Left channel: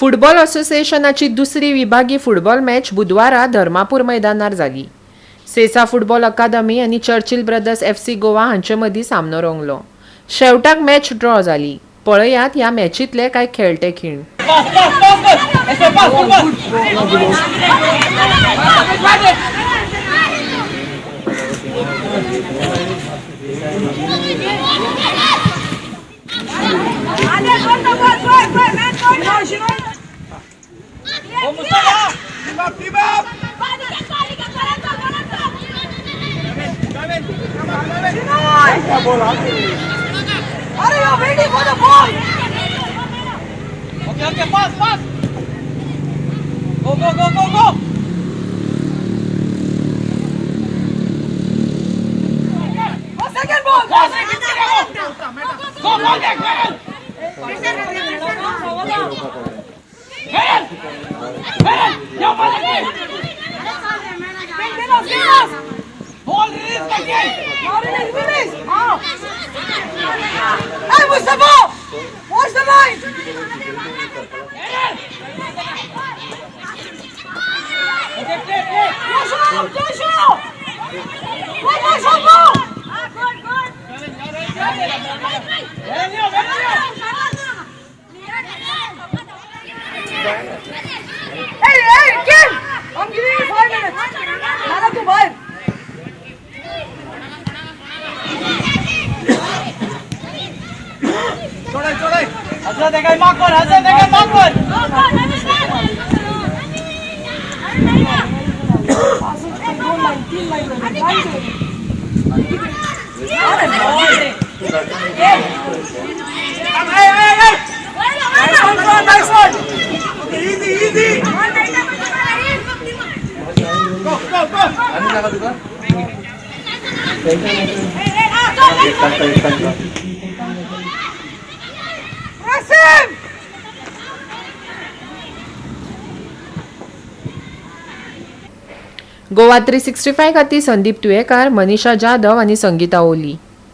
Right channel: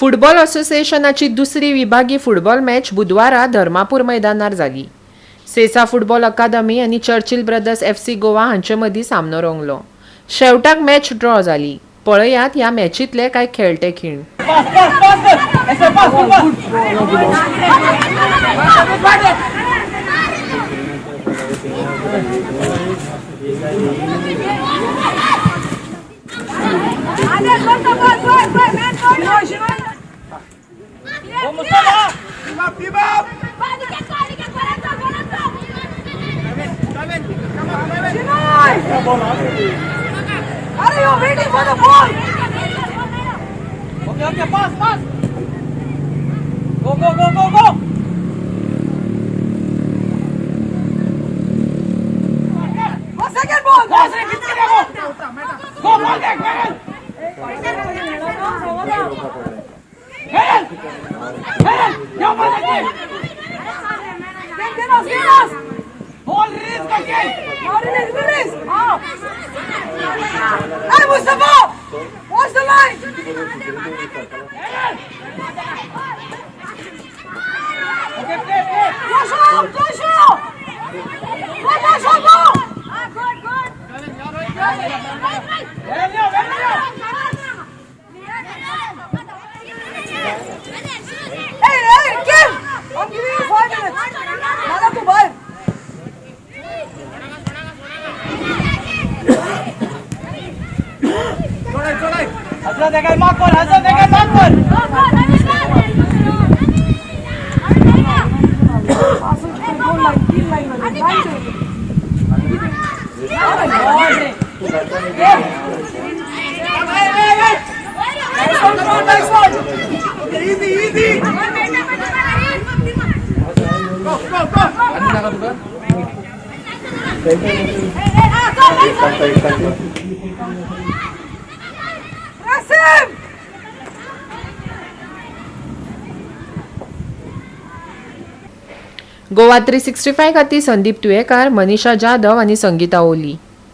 Football असोसिएशनाची दुसरी विभागीय football match बुधवारा धर्मापूर मैदानार जाली. सेसा फुटबॉल अकादमी आनी चर्चिल ब्रदर्स FC गोवा हांचे मदीं सामनो रंगलो. शेवटाक मॅच ड्रॉ जाली. पळयात ह्या मॅचींतले कांय खेळटे खीण. Okay, pass, pass. Go, go, go, go, go. Second ball. Go, go, go, go. Ball release again. Ball release. Hey, Mustafa! Watch the line. Okay, play, play. Push out. Let us go. Hey, Kim! I'm giving you 5 minutes. Nala to 5. Hasan dekay mark one. Hasan dekay mark one. Nice one. Easy. Goa 365 खातीर संदीप तुयेकार, मनीषा जाधव आनी संगीता ओली.